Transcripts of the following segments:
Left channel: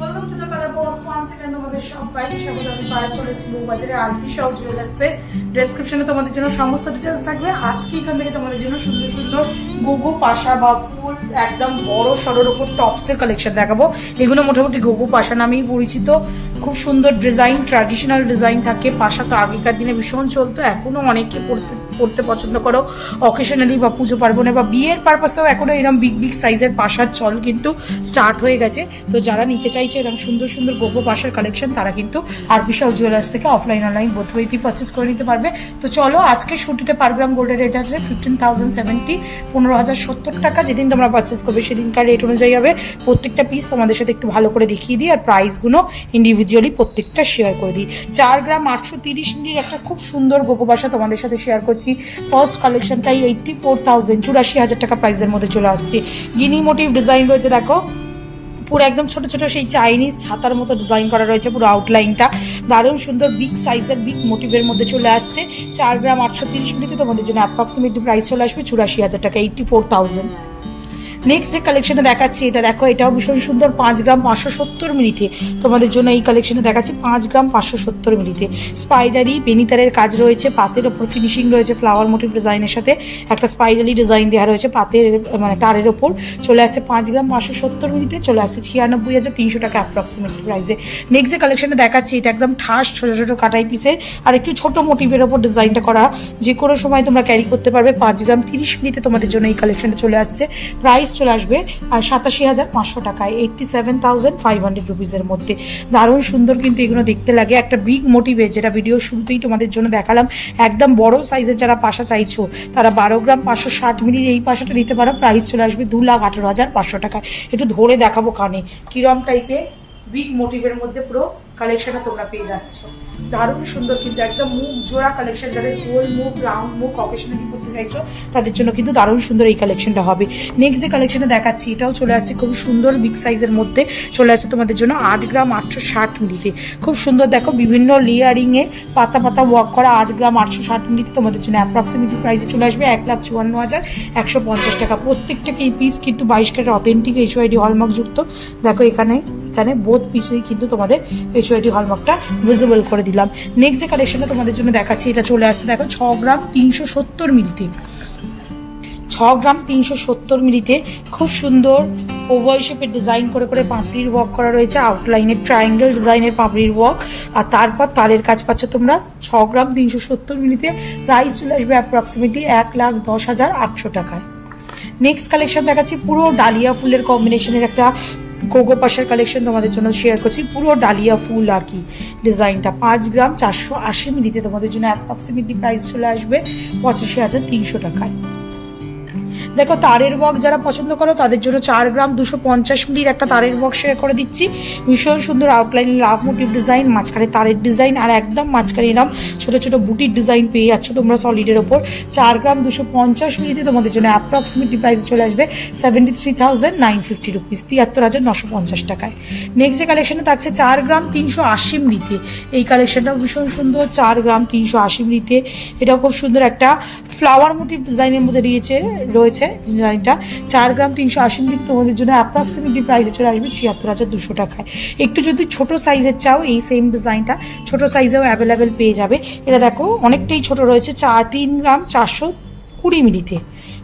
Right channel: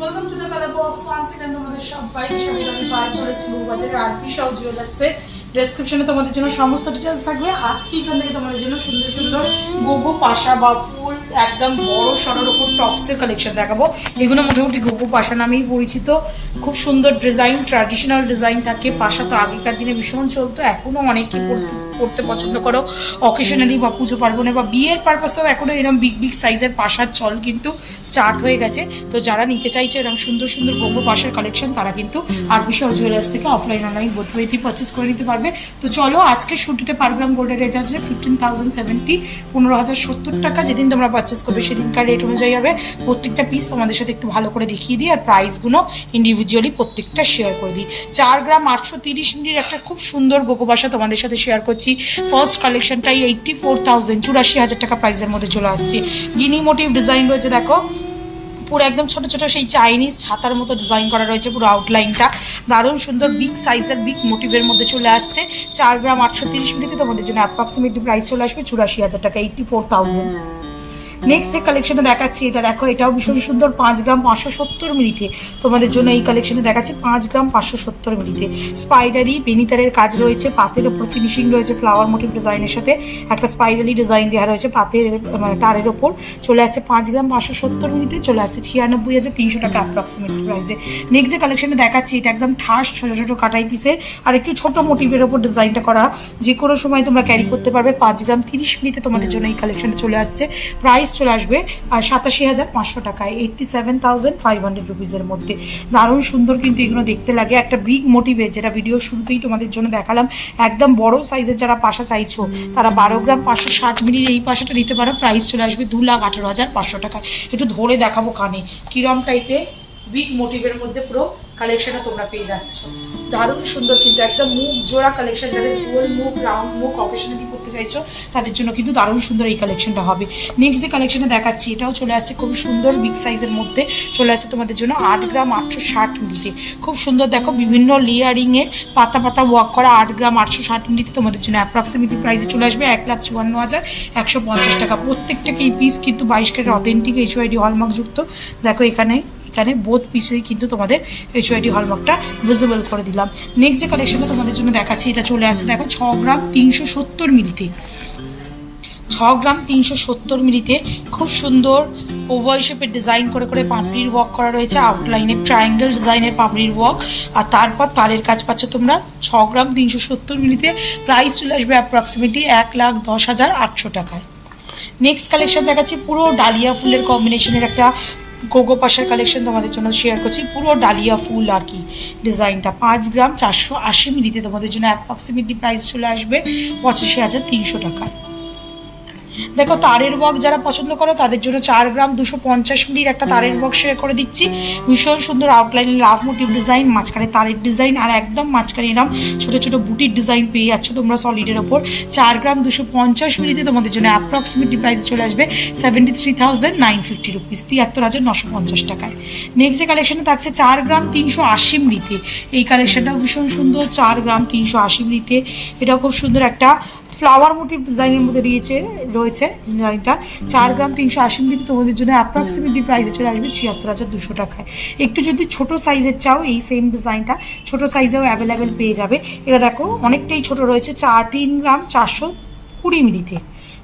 Welcome to the colour box once again তোমাদের সবাইকে পাওয়া চলে স্লো বাজারে আরপি সহ জুয়েলার্সে ডেসক্রিপশনে তোমাদের জন্য সমস্ত ডিটেলস থাকবে। আজকে এখান থেকে তোমাদের জন্য সুন্দর সুন্দর গোগো পাশা বা ফুল একদম বড় সড়োর উপর টপসের কালেকশন দেখাবো। এগুলো মোটামুটি গোগো পাশা নামেই পরিচিত। খুব সুন্দর ডিজাইন, ট্র্যাডিশনাল ডিজাইন থাকে। পাশা তো আগেকার দিনে ভীষণ চলতো, এখনও অনেকে পড়তে পছন্দ করো অকেশনালি বা পুজো পার্বণে বা বিয়ের পারপাসেও এখনও এরকম বিগ বিগ সাইজের পাশার চল কিন্তু স্টার্ট হয়ে গেছে। তো যারা নিতে চাইছে এরকম সুন্দর সুন্দর গোগো পাশার কালেকশন তারা কিন্তু আরপি সহ জুয়েলার্স থেকে অফলাইন অনলাইন বোথ ওয়েতেই পারচেস করে নিতে পারবে। তো চলো, আজকে শুটিতে পার গ্রাম গোল্ডের রেট আছে 15,070, 15,070 টাকা। যেদিন তোমরা পারচেস করবে সেদিনকার রেট অনুযায়ী হবে। প্রত্যেকটা পিস তোমাদের সাথে একটু ভালো করে দেখিয়ে দিই আর প্রাইসগুলো ইন্ডিভিজুয়ালি প্রত্যেকটা শেয়ার করে দিই। 4 গ্রাম 830 মিলির একটা খুব সুন্দর গোগো পাশা তোমাদের সাথে শেয়ার করছি। ফার্স্ট কালেকশনটাই 84,000, 84,000 টাকা প্রাইসের মধ্যে চলে আসছে। গিনি মোটিভ ডিজাইন রয়েছে, দেখো পুরো একদম ছোট ছোট সেই চাইনিজ ছাতার মতো ডিজাইন করা রয়েছে। পুরো আউটলাইনটা দারুণ সুন্দর, বিগ সাইজের বিগ মোটিভের মধ্যে চলে আসছে। 4 গ্রাম 830 মিলিতে তোমাদের জন্য অ্যাপ্রক্সিমেটলি প্রাইস চলে আসবে 84,000 টাকা, 84,000। নেক্সট যে কালেকশনে দেখাচ্ছি এটা দেখো, এটাও ভীষণ সুন্দর। 5 গ্রাম 570 মিলিতে তোমাদের জন্য এই কালেকশনে দেখাচ্ছি 5 গ্রাম 570 মিলিতে। স্পাইডারি বেনিতারের কাজ রয়েছে, পাতের ওপর ফিনিশিং রয়েছে ফ্লাওয়ার মোটিভ ডিজাইনের সাথে একটা স্পাইডারি ডিজাইন দেওয়া রয়েছে পাতের মানে তারের ওপর। চলে আসছে 5 গ্রাম 570 মিলিতে, চলে আসছে 96,300 টাকা অ্যাপ্রক্সিমেট প্রাইসে। নেক্সট যে কালেকশনে দেখাচ্ছি এটা একদম ঠাস ছোটো ছোটো কাটাই পিসের আর একটু ছোট মোটিভের ওপর ডিজাইনটা করা, যে কোনো সময় তোমরা ক্যারি করতে পারবে। 5 গ্রাম 30 মিলিতে তোমাদের জন্য এই কালেকশনটা চলে আসছে। প্রাইস চলে আসবে আর 87,500 টাকায়, 87,500 রুপিসের মধ্যে। দারুণ সুন্দর কিন্তু এগুলো দেখতে লাগে। একটা বিগ মোটিভে, যেটা ভিডিও শুরুতেই তোমাদের জন্য দেখালাম, একদম বড় সাইজের যারা পাশা চাইছো তারা 12 গ্রাম 560 মিলির এই পাশাটা নিতে পারো। প্রাইস চলে আসবে 2,18,500 টাকায়। একটু ধরে দেখাবো কানে কিরম টাইপের বিগ মোটিভের মধ্যে পুরো কালেকশনটা তোমরা পেয়ে যাচ্ছ। দারুণ সুন্দর কিন্তু একদম মুখ জোড়া কালেকশন। যাদের গোল মুখ, রাউন্ড মুখ অকেশনালি করতে চাইছো তাদের জন্য কিন্তু দারুণ সুন্দর এই কালেকশনটা হবে। নেক্সট যে কালেকশনে দেখাচ্ছি এটাও চলে আসছে খুব সুন্দর বিগ সাইজের মধ্যে। চলে আসছে তোমাদের জন্য 8 গ্রাম 860 মিলিতে। খুব সুন্দর দেখো, বিভিন্ন লেয়ারিংয়ে পাতা পাতা ওয়ার্ক করা। 8 গ্রাম 860 মিলিতে তোমাদের জন্য অ্যাপ্রক্সিমেটলি প্রাইসে চলে আসবে 1,54,150 টাকা। প্রত্যেকটাকে এই পিস কিন্তু 22 ক্যারেট অথেন্টিক HYD হলমার্ক যুক্ত। দেখো এখানে বোথ পিসেই কিন্তু তোমাদের HYD হলমার্কটা ভিজিবল করে দিলাম। নেক্সট যে কালেকশনটা তোমাদের জন্য দেখাচ্ছি এটা চলে আসছে দেখো 6 গ্রাম 370 মিলিতে। 6 গ্রাম 370 মিলিতে খুব সুন্দর ওভাল শেপের ডিজাইন করে করে পাপড়ির ওয়ার্ক করা রয়েছে। আউটলাইনে ট্রায়াঙ্গেল ডিজাইনের পাপড়ির ওয়ার্ক আর তারপর তারের কাজ পাচ্ছ তোমরা 6 গ্রাম 370 মিলিতে। প্রাইস চলে আসবে অ্যাপ্রক্সিমেটলি 1,10,800 টাকায়। নেক্সট কালেকশন দেখাচ্ছি পুরো ডালিয়া ফুলের কম্বিনেশনের একটা গোগো পাশার কালেকশন তোমাদের জন্য শেয়ার করছি। পুরো ডালিয়া ফুল আর কি ডিজাইনটা। 5 গ্রাম 480 মিলিতে তোমাদের জন্য অ্যাপ্রক্সিমেটলি প্রাইস চলে আসবে 85,300 টাকায়। দেখো তারের ওয়ার্ক যারা পছন্দ করো তাদের জন্য 4 গ্রাম 250 মিলির একটা তারের ওয়ার্ক শেয়ার করে দিচ্ছি। ভীষণ সুন্দর আউটলাইন লাভ মোটিভ ডিজাইন, মাঝখানে তারের ডিজাইন আর একদম মাঝখানে এরকম ছোটো ছোটো বুটির ডিজাইন পেয়ে যাচ্ছ তোমরা সলিডের ওপর। 4 গ্রাম 250 মিলিতে তোমাদের জন্য অ্যাপ্রক্সিমেটলি প্রাইস চলে আসবে 73,950 রুপিস, 73,950 টাকায়। নেক্সট যে কালেকশনে থাকছে 4 গ্রাম 380 মিলিতে। এই কালেকশনটাও ভীষণ সুন্দর। 4 গ্রাম 380 মিলিতে এটাও খুব সুন্দর একটা ফ্লাওয়ার মোটিভ ডিজাইনের মধ্যে রয়েছে ডিজাইনটা। 4 গ্রাম 380 মিলি তোমাদের জন্য অ্যাপ্রক্সিমেটলি প্রাইসে চলে আসবে 76,200 টাকায়। একটু যদি ছোট সাইজের চাও এই সেম ডিজাইনটা ছোট সাইজেও অ্যাভেলেবেল পেয়ে যাবে। এটা দেখো অনেকটাই ছোট রয়েছে, 3 গ্রাম 420 মিলিতে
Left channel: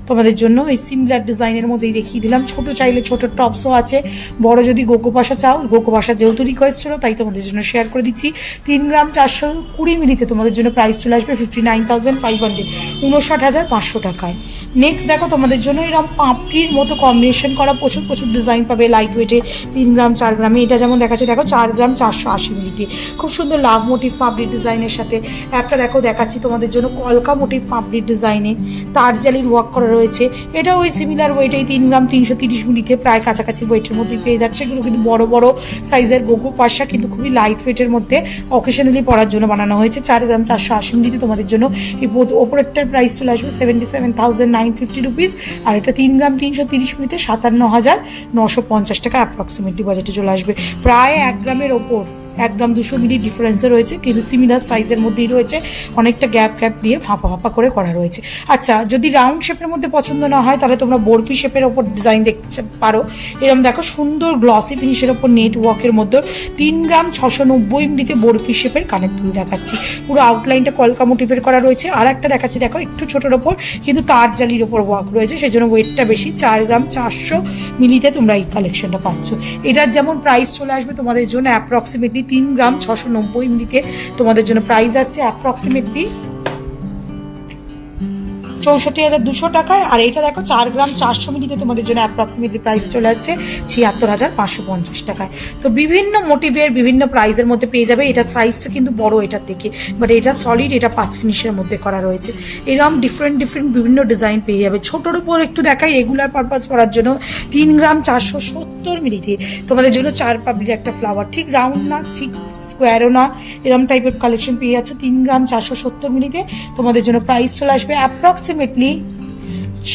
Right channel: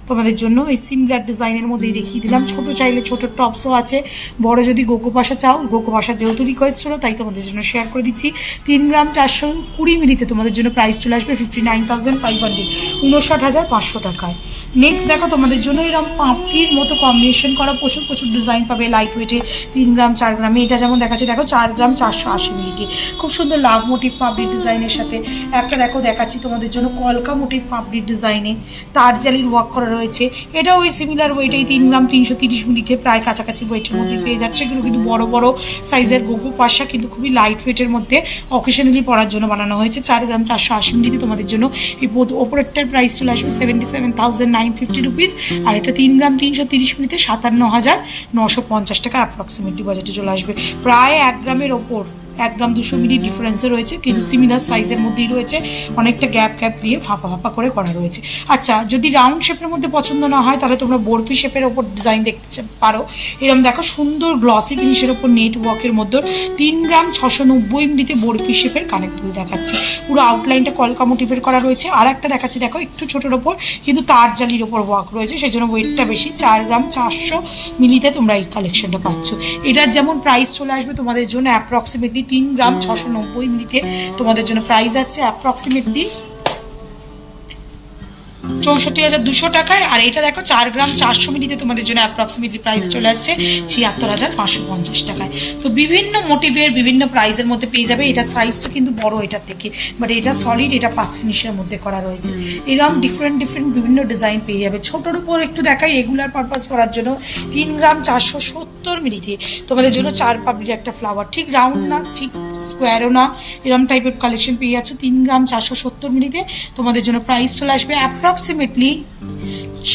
তোমাদের জন্য এই সিমিলার ডিজাইনের মধ্যেই দেখিয়ে দিলাম। ছোট চাইলে ছোট টপসও আছে, বড় যদি গোগো পাশা চাও, গোগো পাশা যেহেতু রিকোয়েস্ট ছিল তাই তোমাদের জন্য শেয়ার করে দিচ্ছি। 3 গ্রাম 420 মিলিতে তোমাদের জন্য প্রাইস চলে আসবে 59,500, 59,500 টাকায়। নেক্সট দেখো তোমাদের জন্য এরকম পাপড়ির মতো কম্বিনেশন করা প্রচুর প্রচুর ডিজাইন পাবে লাইট ওয়েটে। 3 গ্রাম 4 গ্রামে এটা যেমন দেখাচ্ছে দেখো 4 গ্রাম 480 মিলিতে। খুব সুন্দর লাভ মোটিভ পাপড়ির ডিজাইনের সাথে একটা দেখো দেখাচ্ছি তোমাদের জন্য কলকা মোটিভ পাপড়ির ডিজাইনে তার জালির ওয়ার্ক করা রয়েছে। এটাও ওই সিমিলার ওয়েটেই 3 গ্রাম 330 মিলিতে, প্রায় কাছাকাছি ওয়েটের মধ্যে পেয়ে যাচ্ছে। এগুলো কিন্তু বড় বড় সাইজের গোগো পাশা, কিন্তু খুবই লাইট ওয়েটের মধ্যে অকেশনালি পরার জন্য বানানো হয়েছে। 4 গ্রাম 480 মিলিতে তোমাদের জন্য এই ওপরেরটার প্রাইস চলে আসবে 77,950 রুপিস আর এটা 3 গ্রাম 330 মিলিতে 57,950 টাকা অ্যাপ্রক্সিমেটলি বাজেটে চলে আসবে। প্রায় 1 গ্রামের ওপর 1 গ্রাম 200 মিলি ডিফারেন্সে রয়েছে, কিন্তু সিমিলার সাইজের মধ্যেই রয়েছে, অনেকটা গ্যাপ দিয়ে ফাঁপা ফাঁপা করে করা রয়েছে। আচ্ছা, যদি রাউন্ড শেপের মধ্যে পছন্দ না হয় তাহলে তোমরা বরফি শেপের ওপর ডিজাইন দেখতে পারো। এরকম দেখো সুন্দর গ্লসি ফিনিশের ওপর নেট ওয়ার্কের মধ্যে 3 গ্রাম 690 মিলিতে বরফি শেপের কানের দুল দেখাচ্ছি। পুরো আউটলাইনটা কলকা মোটিভের করা রয়েছে। আর একটা দেখাচ্ছি, দেখো একটু ছোটোর ওপর কিন্তু তার জালির ওপর ওয়ার্ক রয়েছে, সেই জন্য ওয়েটটা বেশি। 4 গ্রাম 400 মিলিতে তোমরা এই কালেকশনটা পাচ্ছ। এটার যেমন প্রাইস চলে আসবে তোমাদের জন্য অ্যাপ্রক্সিমেটলি 3 গ্রাম 690 মিলিতে তোমাদের জন্য প্রাইস আসছে অ্যাপ্রক্সিমেটলি 64,200 টাকায়। আর এটা দেখো 4 গ্রাম 400 মিলিতে তোমাদের জন্য অ্যাপ্রক্সিমেটলি প্রাইস চলে আসছে 76,550 টাকায়। তো বিভিন্ন মোটিভের বিভিন্ন প্রাইসের মধ্যে পেয়ে যাবে। এটা সাইজটা কিন্তু বড় এটার থেকে, বাট এটা সলিড, এটা পাত ফিনিশের মধ্যে করা রয়েছে। এরকম ডিফারেন্ট বিভিন্ন ডিজাইন পেয়ে যাবে। ছোটোর উপর একটু দেখাই রেগুলার পারপাস করার জন্য 3 গ্রাম 470 মিলিতে তোমাদের জন্য 4 পাপড়ির একটা ফ্লাওয়ার, ঠিক রাউন্ড না ঠিক স্কোয়ারও না, এরকম টাইপের কালেকশন পেয়ে যাচ্ছে 3 গ্রাম 470 মিলিতে। তোমাদের জন্য প্রাইস চলে আসবে অ্যাপ্রক্সিমেটলি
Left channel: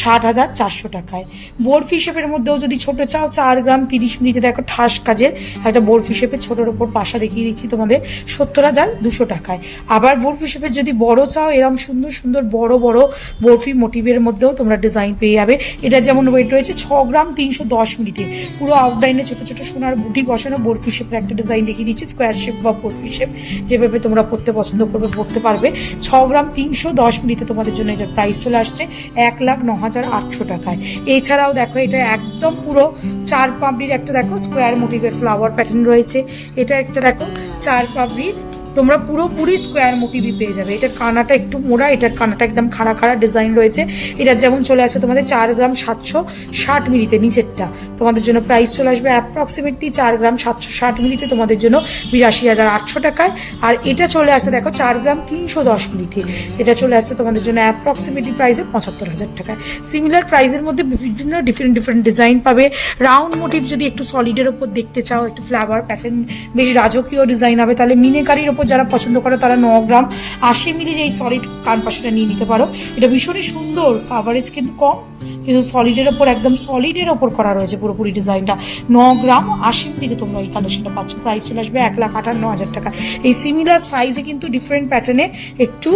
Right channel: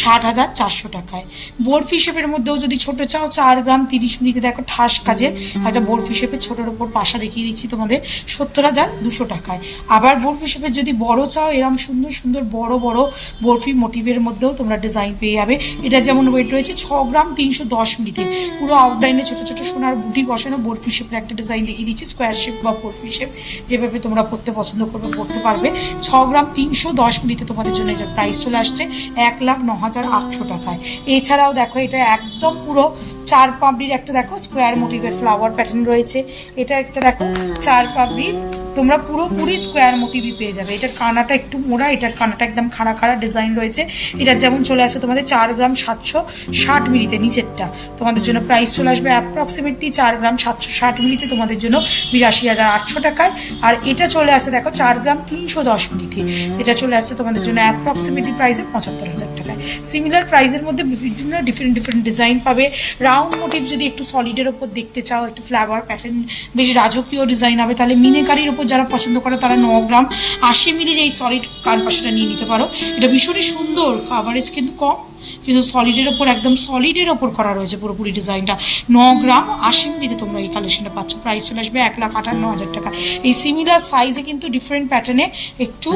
60,400 টাকায়। বরফি শেপের মধ্যেও যদি ছোট চাও 4 গ্রাম 30 মিলিতে দেখো ঠাস কাজের একটা বরফি শেপের ছোটোর ওপর পাশা দেখিয়ে দিচ্ছি তোমাদের 70,200 টাকায়। আবার বরফি শেপের যদি বড় চাও এরকম সুন্দর সুন্দর বড় বড় বরফি মোটিভের মধ্যেও তোমরা ডিজাইন পেয়ে যাবে। এটা যেমন ওয়েট রয়েছে 6 গ্রাম 310 মিলিতে। পুরো আউটলাইনে ছোটো ছোটো সোনার বুটি বসানো বরফি শেপের একটা ডিজাইন দেখিয়ে দিচ্ছি, স্কোয়ার শেপ বা বরফি শেপ, যেভাবে তোমরা পড়তে পছন্দ করবে পড়তে পারবে। 6 গ্রাম 310 মিলিতে তোমাদের জন্য এটার প্রাইস চলে আসছে 1,09,800 টাকায়। এছাড়াও দেখো এটা একদম পুরো 4 পাপড়ির একটা দেখো স্কোয়ার মোটিভের ফ্লাওয়ার প্যাটার্ন রয়েছে। এটা একটা দেখো 4 পাপড়ির তোমরা পুরোপুরি স্কোয়ার মোটিভই পেয়ে যাবে। এটার কানাটা একটু মোড়া, এটার কানাটা একদম খাড়া খাড়া ডিজাইন রয়েছে। এটার যেমন চলে আসে তোমাদের 4 গ্রাম 760 মিলিতে, নিচেরটা তোমাদের জন্য প্রাইস চলে আসবে অ্যাপ্রক্সিমেটলি 4 গ্রাম 760 মিলিতে তোমাদের জন্য 82,800 টাকায়। আর এটা চলে আসে দেখো 4 গ্রাম 310 মিলিতে, এটা চলে আসছে তোমাদের জন্য অ্যাপ্রক্সিমেটলি প্রাইসে 75,000 টাকায়। সিমিলার প্রাইসের মধ্যে বিভিন্ন ডিফারেন্ট ডিজাইন পাবে। রাউন্ড মোটিভ যদি একটু সলিডের ওপর দেখতে চাও, একটু ফ্লাওয়ার প্যাটার্ন বেশ রাজকীয় ডিজাইন হবে, তাহলে মিনেকারির ওপর যারা পছন্দ করে তারা 9 গ্রাম 80 মিলির এই সলিড কানপাশাটা নিয়ে নিতে পারো। এটা ভীষণই সুন্দর, কাভারেজ কিন্তু কম, কিন্তু সলিডের ওপর একদম সলিডের ওপর করা রয়েছে পুরোপুরি ডিজাইনটা। 9 গ্রাম 80 মিলিতে তোমরা এই কালেকশনটা পাচ্ছ। প্রাইস চলে আসবে 1,58,000 টাকা। এই সিমিলার সাইজে কিন্তু ডিফারেন্ট প্যাটার্নে একটু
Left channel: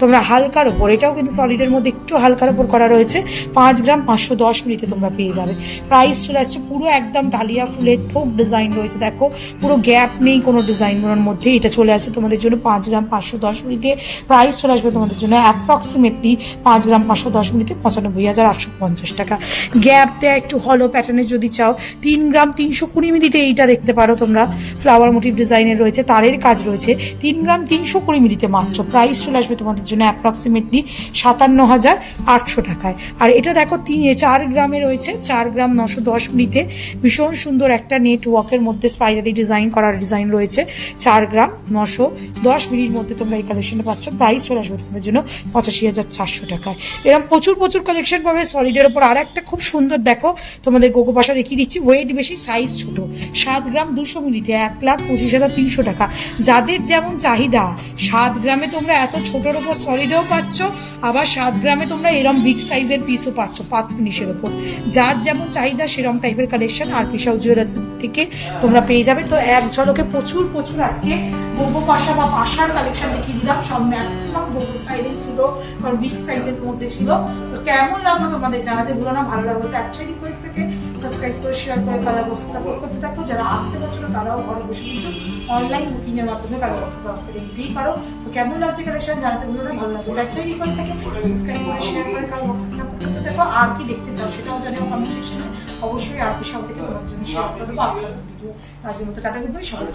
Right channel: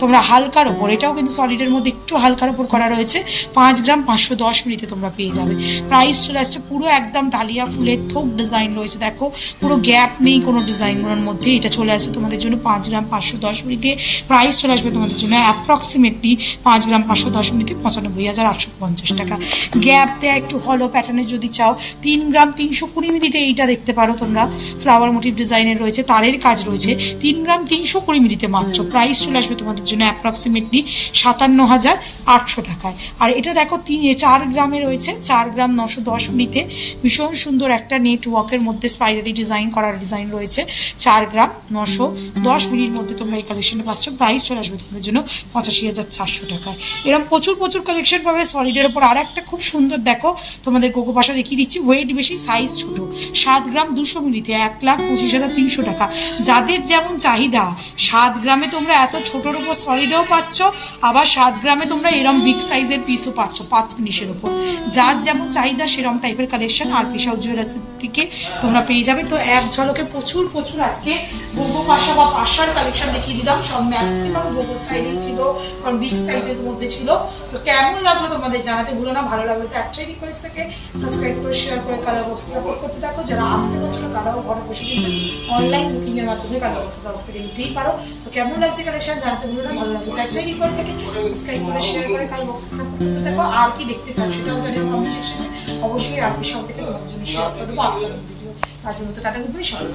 তোমরা হালকার ওপর, এটাও কিন্তু সলিডের মধ্যে একটু হালকার ওপর করা রয়েছে, 5 গ্রাম 510 মিলিতে তোমরা পেয়ে যাবে। প্রাইস চলে আসছে পুরো একদম ডালিয়া ফুলের থোক ডিজাইন রয়েছে, দেখো পুরো গ্যাপ নেই কোনো ডিজাইনের মধ্যে। এটা চলে আসছে তোমাদের জন্য 5 গ্রাম 510 মিলিতে। প্রাইস চলে আসবে তোমাদের জন্য অ্যাপ্রক্সিমেটলি 5 গ্রাম 510 মিলিতে 95,850 টাকা। গ্যাপ দেয়া একটু হলো প্যাটার্নের যদি চাও 3 গ্রাম 320 মিলিতে এইটা দেখতে পারো তোমরা, ফ্লাওয়ার মোটিভ ডিজাইনের রয়েছে, তারের কাজ রয়েছে, 3 গ্রাম 320 মিলিতে মাত্র। প্রাইস চলে আসবে তোমাদের জন্য অ্যাপ্রক্সিমেটলি 57,800 টাকায়। আর এটা দেখো 4 গ্রামে রয়েছে, 4 গ্রাম 910 মিলিতে ভীষণ সুন্দর একটা নেটওয়ার্কের মধ্যে স্পাইরালি ডিজাইন করার ডিজাইন রয়েছে। 4 গ্রাম 910 মিলির মধ্যে তোমরা এই কালেকশনে পাচ্ছ। প্রাইস চলে আসবে তোমাদের জন্য 85,400 টাকায়। এরকম প্রচুর কালেকশন পাবে সলিডের ওপর। আর একটা খুব সুন্দর দেখো তোমাদের গোগো পাশা দেখিয়ে দিচ্ছি, ওয়েট বেশি সাইজ ছোট, 7 গ্রাম 200 মিলিতে 1,25,300 টাকা। যাদের যেমন চাহিদা, 7 গ্রামে তোমরা এত ছোটোর ওপর সলিডেও পাচ্ছ, আবার 7 গ্রামে তোমরা এরম বিগ সাইজের পিসও পাচ্ছ পাত ফিনিশের ওপর। যার যেমন চাহিদা সেরকম টাইপের কালেকশন আর পিসাও জুয়েলার্স থেকে তোমরা পেয়ে যাবে। তো এক ঝলকে প্রচুর আজকে গোগো পাশা বা পাশার কালেকশন দেখিয়ে দিলাম। সব ম্যাক্সিমাম গোগো স্টাইলেই ছিল, কারণ বিগ সাইজের মধ্যে ছিল। তো কেমন লাগলো তোমাদের জানাতে ভুলো না। ভালো লাগলো তো একটাই রিকোয়েস্ট থেকে সাবস্ক্রাইব করে শেয়ার করে কালার বক্সে সাপোর্ট করতে থাকো। যারা আসতে পারছো না তারাও ঘরে বসে কিন্তু অনলাইন বুকিং এর মাধ্যমে কালার বক্সের তরফ থেকে নিতেই পারো। তো কেমন লাগছে কালেকশন জানাতে ভুলো না। ভালো লাগলো তো একটাই রিকোয়েস্ট থেকে সাবস্ক্রাইব করে শেয়ার করে কালার বক্সে সাপোর্ট করতে থাকো। আর কি দেখতে চাও সেটাও জানিও কমেন্ট সেকশনে, অবশ্যই আর বিশাল থেকে তোমাদের জন্য শেয়ার করে দেবো আপনাদের ভিডিও। আজকের মতো টাটা, গুড বাই, সবাই।